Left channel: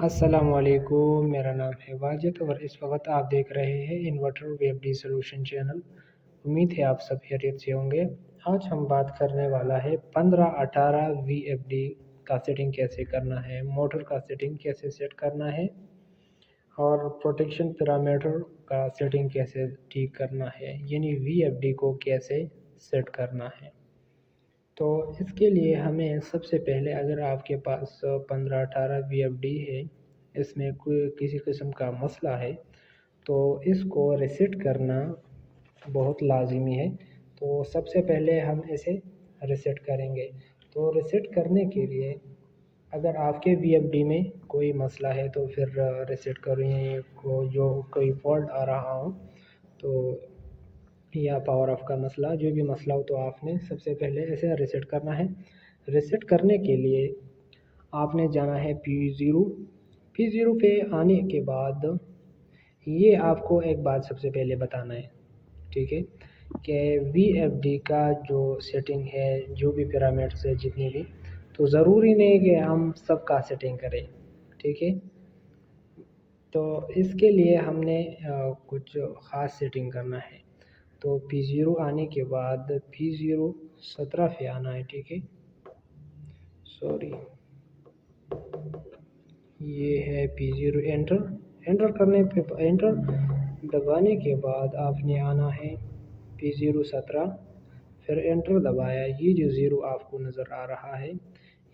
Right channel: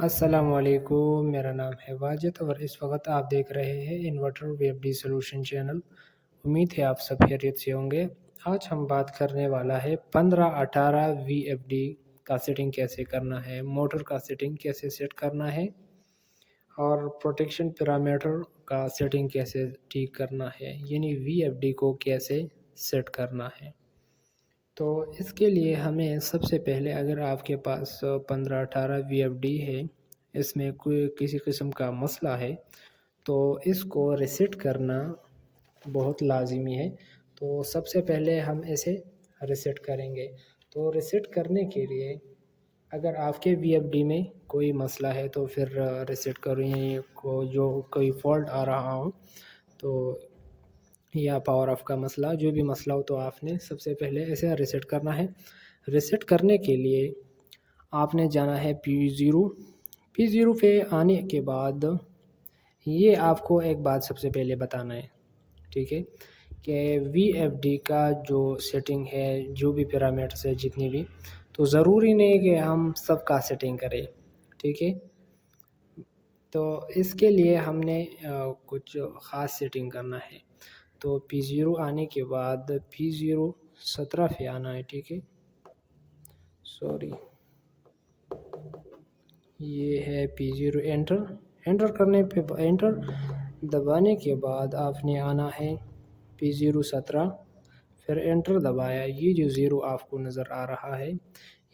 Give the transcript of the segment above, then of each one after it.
السلام علیکم، میرا نام ہے واجد اور اس وقت آپ دیکھ رہے ہیں انورٹر وی ایف ڈی سولوشن چینل۔ امید ہے آپ سب خیریت سے ہوں گے۔ آج ہم بات کرنے والا ہے 15-18 وی ایف ڈی کا سیٹنگ کیسے کرنا ہے، موٹر کا سیٹنگ کیسے سیٹ کرنا ہے اور پروٹیکشن پیرامیٹر کا سیٹنگ کیسے ٹھیک کرنا ہے، یعنی وی ایف ڈی کو کیسے سیٹ کرنا ہے۔ تو اس کے لیے ہمیں سب سے پہلے، اگر آپ کے پاس 15-18 وی ایف ڈی ہے، اس میں کوئی کسی قسم کا مسئلہ ہے تو اس کو ریسیٹ کرنا بہت لازمی ہے۔ تو سب سے پہلے ہم اسے ریسیٹ کریں گے۔ تو ریسیٹ کرنے کے لیے اگر آپ کے وی ایف ڈی میں کوئی مسئلہ ہے تو پھر ریسیٹ کریں، جو کوئی فالٹ آ رہا ہو تو یا پاور آف کا مسئلہ، جو بھی مسئلہ ہو، تو آپ نے سب سے پہلے اسے ریسیٹ کرنا ہے۔ ریسیٹ کرنے کے لیے آپ نے جانا ہے P0 پہ آنے کے بعد یہ آپ کو ایک بات سب سے پہلے بتانا ہے، ٹھیک ہے، کہ وی ایف ڈی کا جو سیٹنگ ہے، جو بھی پیرامیٹرز ہے جتنی بھی، تو ضروری نہیں کہ ہم سب کا سیٹنگ کریں، ٹھیک ہے۔ تو اس کے لیے ہم نے کچھ خاص سیٹنگ کرنا ہے۔ تو P0 آنے کے بعد P0 17 پہ آنا ہے، ٹھیک ہے، یہ ہے P0 انٹر کرنے پہ انٹر دبانے کے بعد آپ نے آنا ہے P0 17، پھر انٹر دبایا، یہ جو 0 آپ کو نظر آ رہا ہے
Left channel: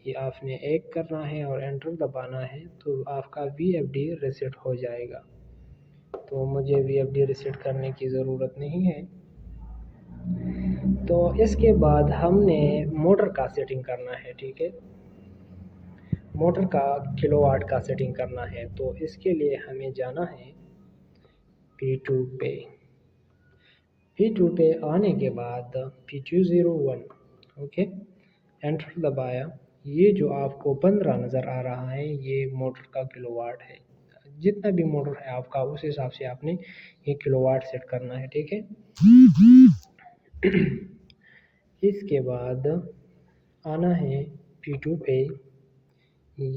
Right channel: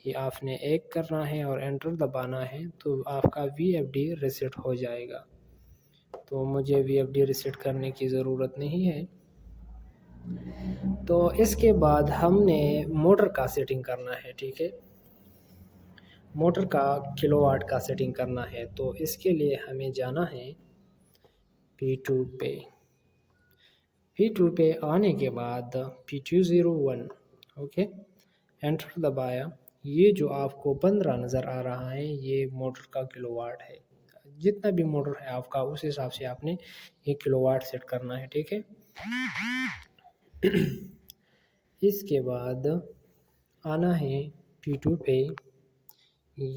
یہ آپ نے 1 کرنا ہے اور انٹر دبانا ہے، تو آپ کا وی ایف ڈی ریسیٹ ہو جائے گا۔ تو مجھے وی ایف ڈی ریسیٹ کرنے کی ضرورت نہیں ہے۔ تو اس کے بعد ہم نے موٹر کا سیٹنگ کرنا ہے، ٹھیک ہے، موٹر کا کلو واٹ کا سیٹنگ کرنا ہے۔ تو اس کے لیے ہمیں جانا ہے P2 پہ آنے کے بعد P201، اوکے، انٹر دبایا، یہ جو آپ کو 15 نظر آ رہا ہے یہ موٹر کا کلو واٹ ہے۔ جتنا بھی موٹر ہے آپ کا اس حساب سے آپ نے یہ کلو واٹ سیٹ کرنا ہے، ٹھیک ہے۔ اس کے بعد آنا ہے P2 پہ،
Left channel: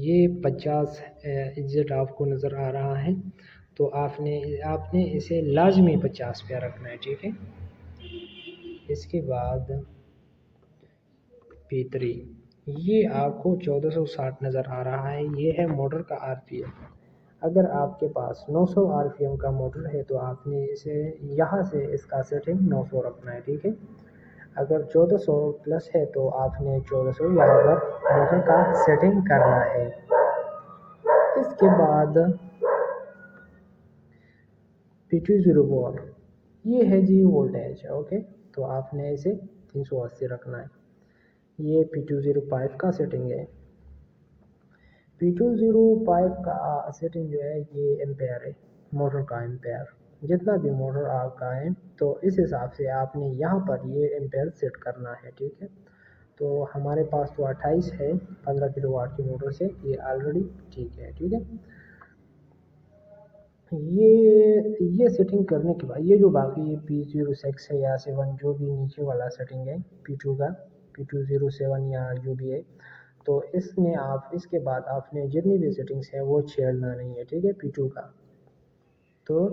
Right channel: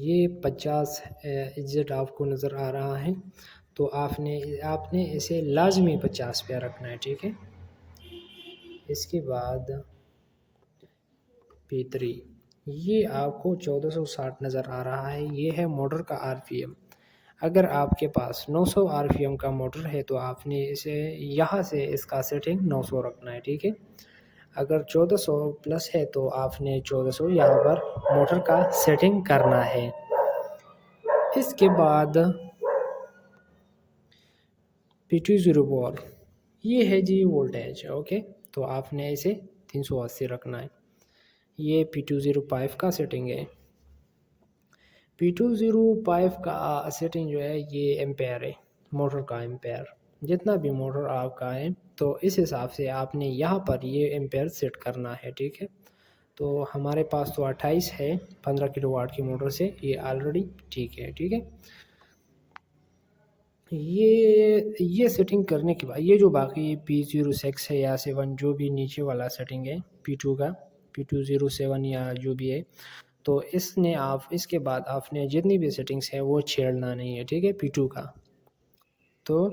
یہ 50 ایگزٹ آپ کو نظر آ رہا ہے، تو آپ نے اسے لازمی 50 پہ رکھنا ہے، ٹھیک ہے۔ اس کے بعد P3، یہ آپ کو 1460 نظر آ رہا ہے، یہ ہے موٹر کا آر پی ایم۔ اگر آپ کے پاس 900 آر پی ایم کا موٹر ہے تو آپ نے اسے یہاں سے اس کا سیٹنگ 900 رکھنا ہے، ٹھیک ہے۔ اگر 1400 پلس ہے تو آپ نے 1400 یہاں پر موٹر کا سیٹنگ کرنا ہے۔ اس کے بعد P204، یہ ہے جی وولٹیج، اوکے، تو آپ نے اسے 380 رکھنا ہے۔ یہ P205 کا سیٹنگ ہے۔ P205 کا سیٹنگ جو ہے یہ ایمپیئر ہے، موٹر کا ایمپیئر، جتنا بھی موٹر آپ کا ہے تو اس حساب سے آپ نے یہاں پر یہ ایمپیئر سیٹ کرنا ہے، ٹھیک ہے۔ تو ہمارے پاس تو 28 ہے 15 کلو واٹ کی موٹر سے، یہ آلریڈی ٹھیک ہے، ٹھیک ہے۔ یہ سیٹنگ کرنے کے بعد یہ جو باقی P06 ہے یا 7، جو بھی نیچے والا سیٹنگ ہے P2 کا، P207 یا جو بھی ہے، تو اس کے بعد آپ نے جتنی بھی سیٹنگز ہے وہ چھیڑنا نہیں ہے، ٹھیک ہے، P2 کا۔ تو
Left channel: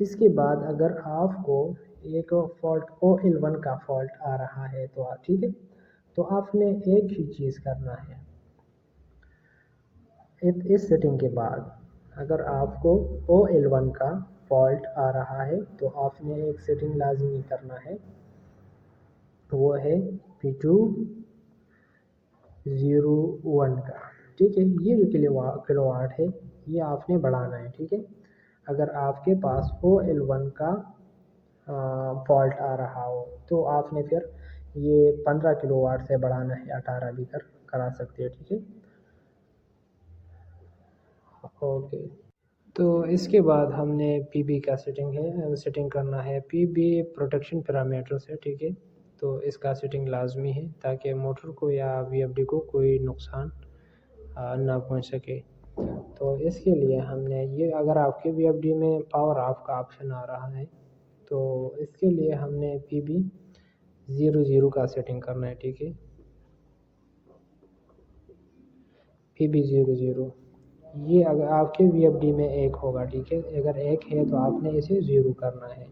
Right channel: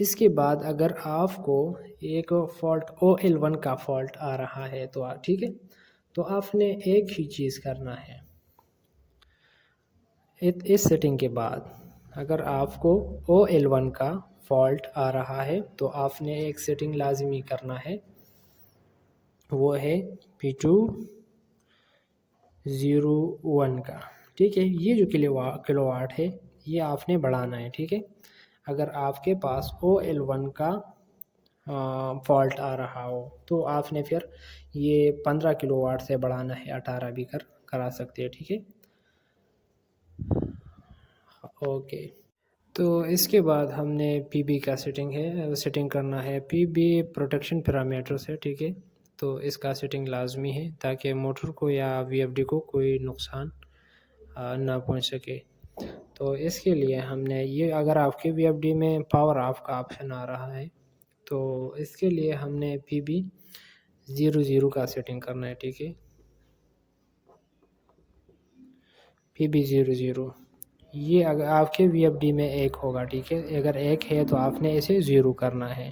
اس کے بعد اگر آپ کو ایک فالٹ OL1 کا فالٹ آ رہا ہے تو ٹھیک ہے، تو آپ نے ایک ہی چیز کرنا ہے اس سیٹنگ کے بعد۔ اگر آپ کو OL1 کا فالٹ آ رہا ہے تو آپ نے ایک سیٹنگ لازمی کرنا ہے، وہ ہے P201 کا، ٹھیک ہے۔ یہ جو کلو واٹ ہے یہ آپ نے بڑھانا ہے، ٹھیک ہے۔ اگر آپ کے پاس OL1 کا فالٹ آ رہا ہو تو آپ نے پھر یہ 15 کلو واٹ سے بڑھانا ہے، 18 بھی کرا سکتے ہیں، ٹھیک ہے، اوکے۔ تو اس کے بعد ہم نے پی بی کا سیٹنگ کرنا ہے۔ پی بی پروٹیکشن پیرامیٹر سے، ٹھیک ہے، تو اس کا سیٹنگ لازمی ہے تاکہ موٹر کو یا وی ایف ڈی کو کوئی نقصان نہ پہنچ سکے۔ تو اس کے لیے ہم نے یہ، اگر آپ کے وی ایف ڈی میں پاور آف کا آپشن آ رہا ہے تو اس کے لیے ہم نے PB00 کا سیٹنگ کرنا ہے، ٹھیک ہے، PB00، یہ اگر آپ کے وی ایف ڈی میں 1 ہوگا، ٹھیک ہے، اگر 1 ہے تو آپ نے اسے 0 کرنا ہے۔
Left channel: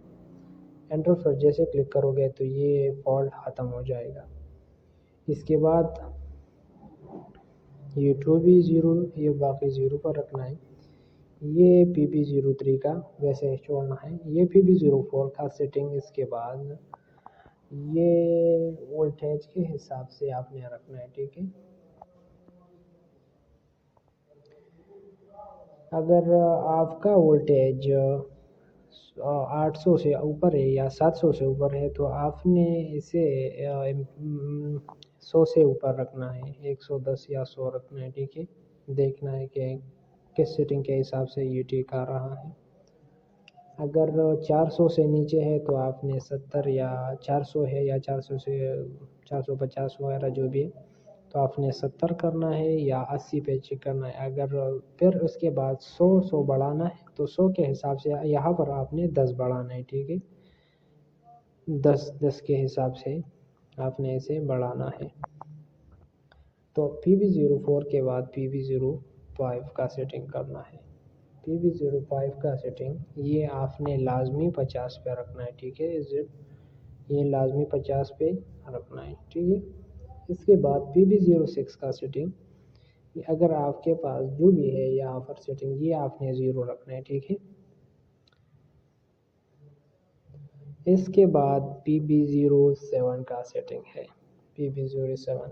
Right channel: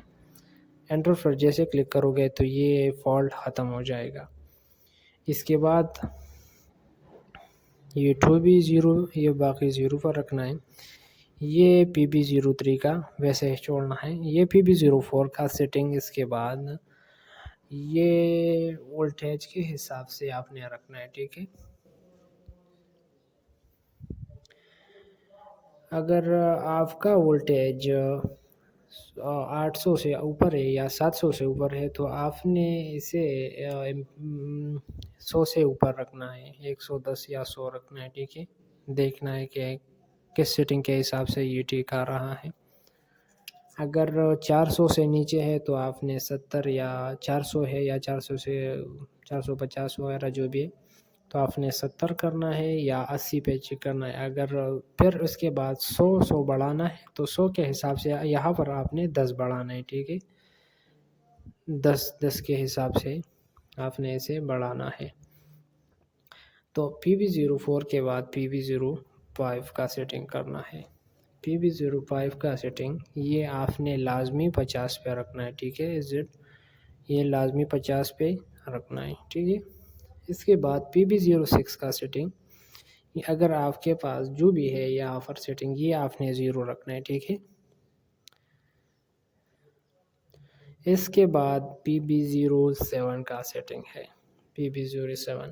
انٹر پر جیسے کلک کرو گے تو یہ فالٹ ختم ہو جائے گا۔ اس کے بعد یہ 2 بھی 0، یہ باقی 0 پر رکھنا ہے۔ یہ پی پی 03 کا ویسے ہی چھوڑنا ہے۔ یہ پی پی 04 کا سیٹنگ اس کے بعد یہ وولٹیج کے حساب سے آپ نے رکھنا ہے، ٹھیک ہے۔ اگر آپ کا وولٹیج 800 سے اوپر ہے یا 700 سے اوپر ہے تو آپ نے اسے 100 سے اوپر رکھنا ہے، 110 یا 100 رکھنا ہے، ٹھیک ہے۔ دیکھنا ہے کہ کس سیٹنگ کے حساب سے یہ ٹھیک آ رہا ہے۔ اگر 400 سے نیچے ہے تو آپ نے 70 یا 400 ہے یا 400 سے 450 وغیرہ جو بھی ہے تو آپ نے 70 کرنا ہے یا 80 پہ چیک کرنا ہے۔ اگر پھر اس کے بعد 100 بڑھانا ہے تو 100 کے حساب سے یہاں پر آپ نے 10 بڑھانا ہے، ٹھیک ہے۔ 10 کے حساب سے آپ نے اسے بڑھانا ہے۔ تو پی بی 04 کے بعد پی بی 05 کا سیٹنگ کرنا ہے۔ پی بی 05 کا سیٹنگ یہ آپ نے لازمی 50 پہ رکھنا ہے، ٹھیک ہے۔ یہ لازمی 50 پہ رکھنا ہے، ٹھیک ہے۔ اس کے بعد پی بی 06 کا سیٹنگ اگر آپ کے پاس جو بھی ہے یہاں پر سیٹنگ یہ آپ نے 0 رکھنا ہے، ٹھیک ہے۔ اس کے بعد پی بی 07 کا سیٹنگ ہے۔ پی بی 07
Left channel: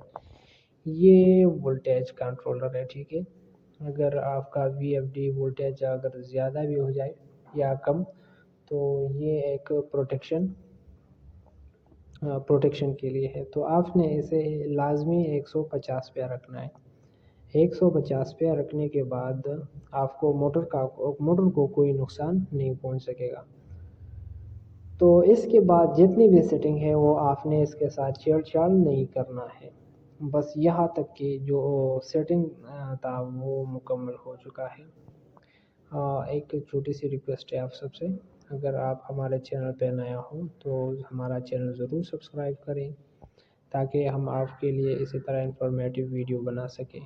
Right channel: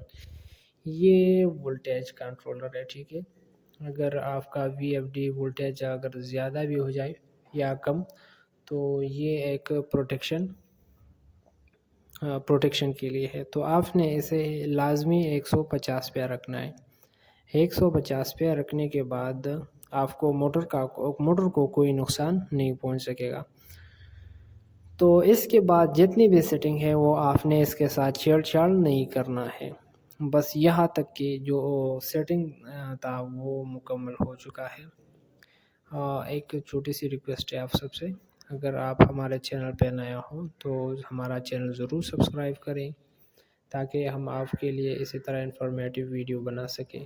یہ وولٹیج کنٹرولر ہے، ٹھیک ہے۔ اگر آپ کا وی ایف ڈی وولٹیج اگر زیادہ بھی ہو جائے یا کم تو یہ ایک پروٹیکشن کے لیے ہے، تو آپ نے اسے لازمی 150 پہ رکھنا ہے۔ 150 پہ رکھنے کے بعد آپ کو موٹر کو کوئی نقصان نہیں پہنچ سکے گا۔ تو اس کے بعد جتنی بھی سیٹنگ ہے وہ آپ نے اس کے ساتھ چھیڑ چھاڑ نہیں کرنا ہے، بس یہاں تک کہ جو سیٹنگ تھا وہ مکمل ہو چکا ہے۔ ایک چھوٹی سی ریکویسٹ ہے آپ سب سے، اگر آپ ہمارے چینل پہ نیا ہوں تو ہمارا چینل ضرور سبسکرائب کریں تاکہ ہم آپ کے لیے اسی طرح انفارمیٹیو ویڈیو بنا سکیں۔